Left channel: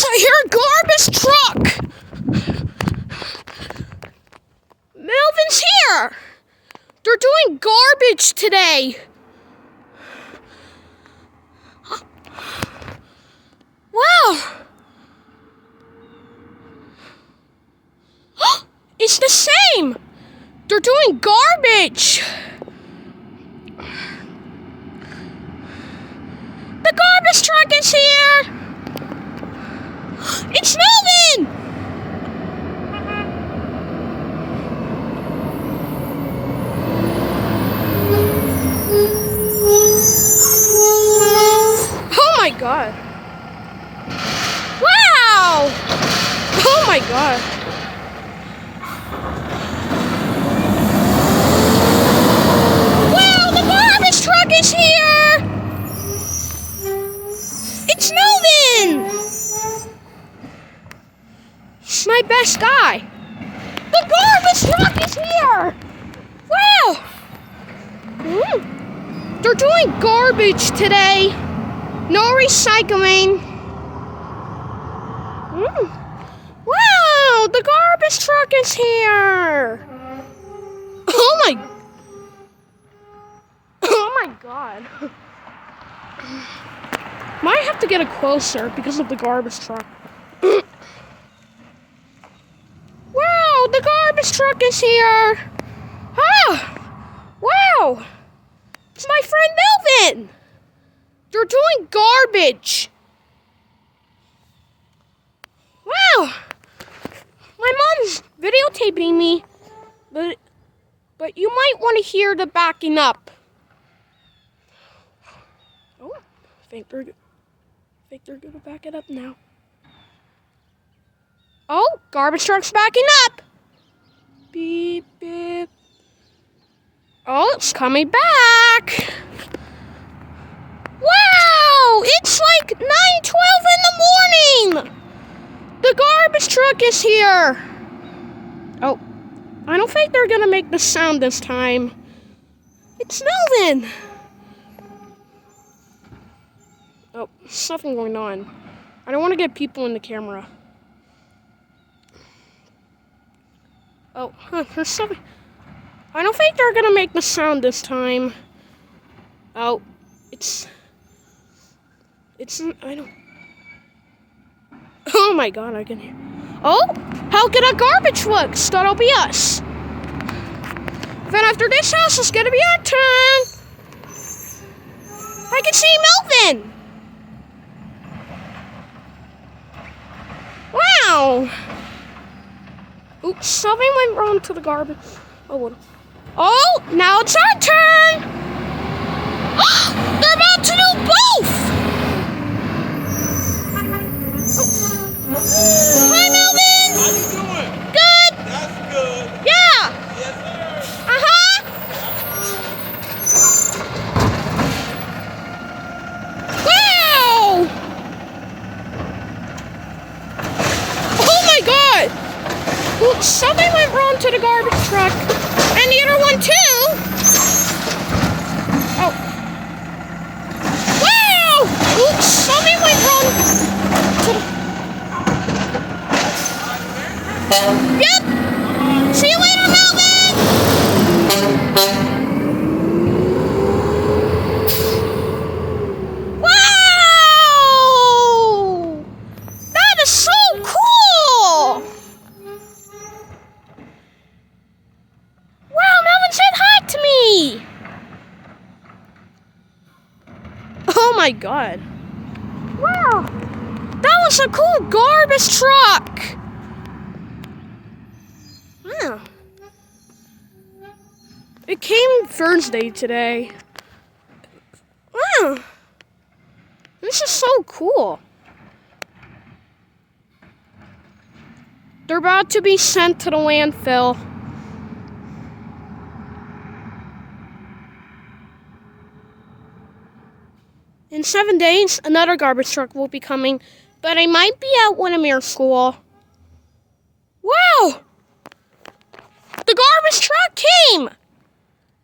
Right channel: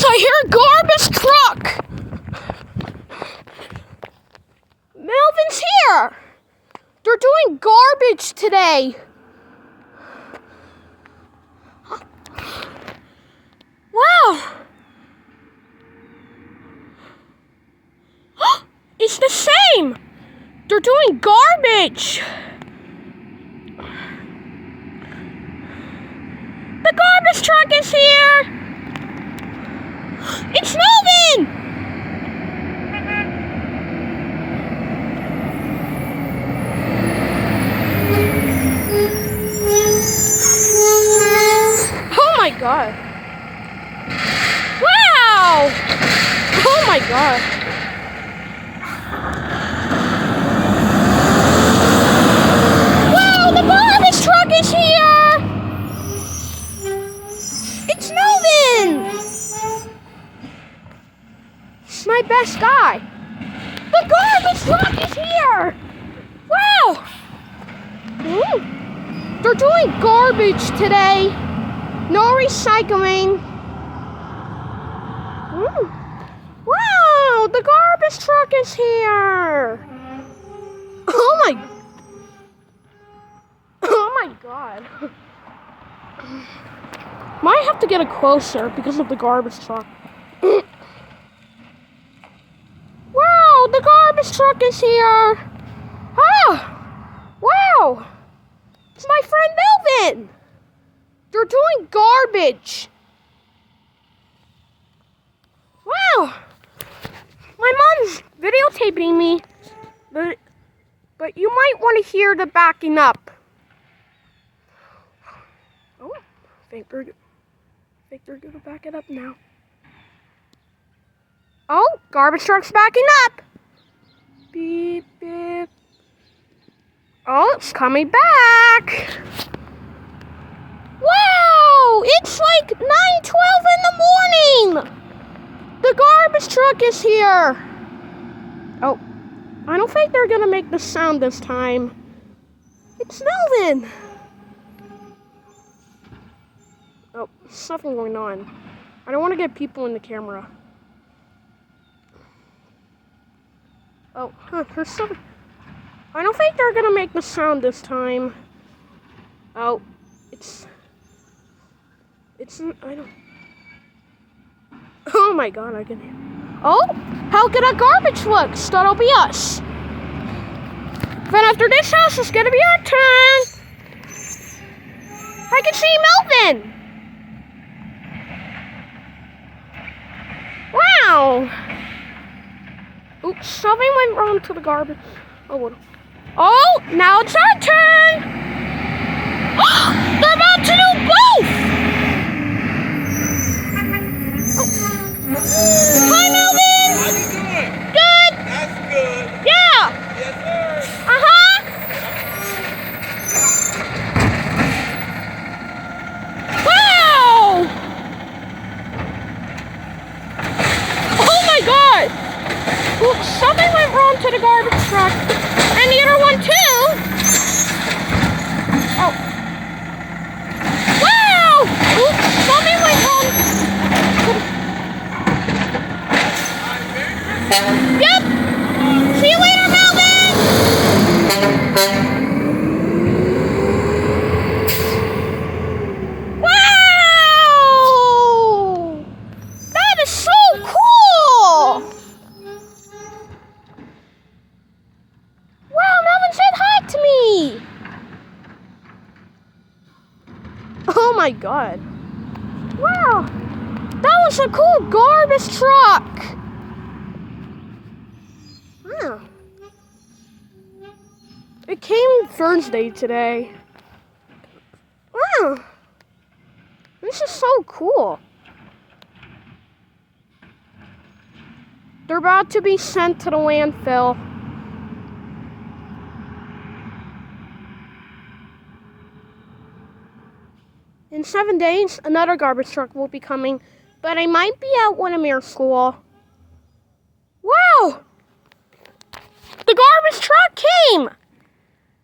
Guys, I hear a garbage truck! Melvin's here! They're doing garbage today. Wow! It's the same! They're doing garbage! The garbage truck is here! It's Melvin! Oh my god. Wow! Oh my god. Wow, the garbage truck is here! It's Melvin! He's my best guy. The garbage truck is here! Wow! They're doing garbage today. No recycling. Wow, the garbage truck is here. Oh my god. Might have to get it closer because of the garbage truck. Wow, the garbage truck is here. Wow. It's my friend Melvin. They're doing garbage. Wow. My mom's videotaping me, but you might want to hear the backing up. Oh, I think they're gonna back it up now. Oh, garbage truck's backing up. Beep, beep. Oh, it's coming back. Wow, it's like 9:12 in the morning. The garbage truck is here. Oh, I don't think they're gonna make the sound this time. It's Melvin. Oh, something going on. I don't want to get people in the camera. Oh, there's something. I don't think they're gonna make the sound this time. Oh, I don't. Oh my god, I can hear. Oh, how can a garbage works? That'll be us. Then after this house, it's gonna be our turn. I can see Melvin. Wow. Oops, something went wrong to the garbage. Oh, what? Oh, now it's our turn. They're about to do both. Hi, Melvin. How you doing? Good. That's good. Yeah. Yes, sir. Wow. Oh my god. Oops, something went wrong to the garbage truck. And the other one too. Oh. Wow. Oops, something went wrong to the... Yep. See you later, Melvin. Wow! That is so cool. Wow, Melvin said hi to me. Oh my god. Wow. That was a cool garbage truck. It came Thursday today. Wow. This is so cool. They're about to be sent to the landfill. In 7 days, another garbage truck will be coming, but I might be at Windermere School. Wow! The garbage truck came!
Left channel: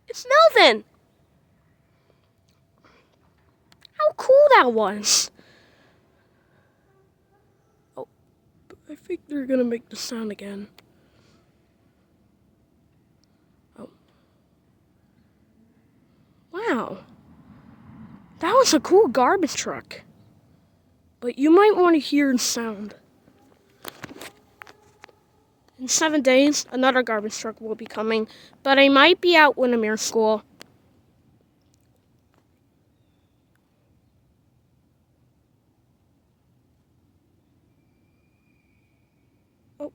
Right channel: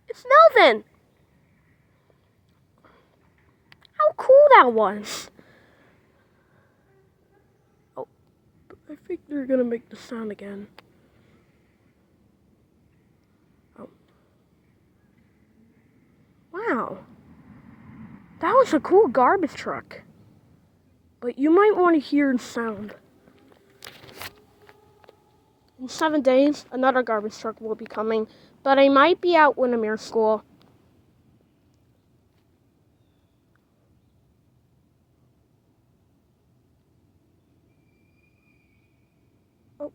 It's Melvin. How cool that was. I think they're gonna make the sound again. Oh. Wow. That was a cool garbage truck. But you might want to hear the sound. In 7 days, another garbage truck will be coming, but I might be at Windermere School. Oh.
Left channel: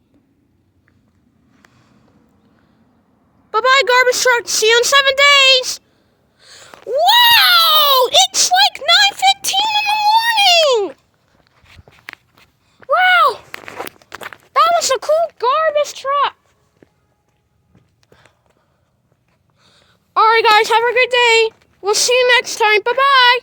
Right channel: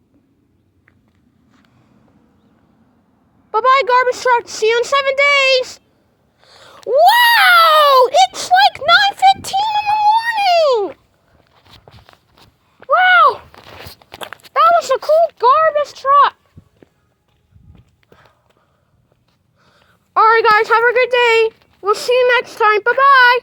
Bye-bye, garbage truck. See you in 7 days. Wow! It's like 9:15 in the morning! Wow! That was a cool garbage truck! Alright guys, have a good day. We'll see you next time. Bye-bye!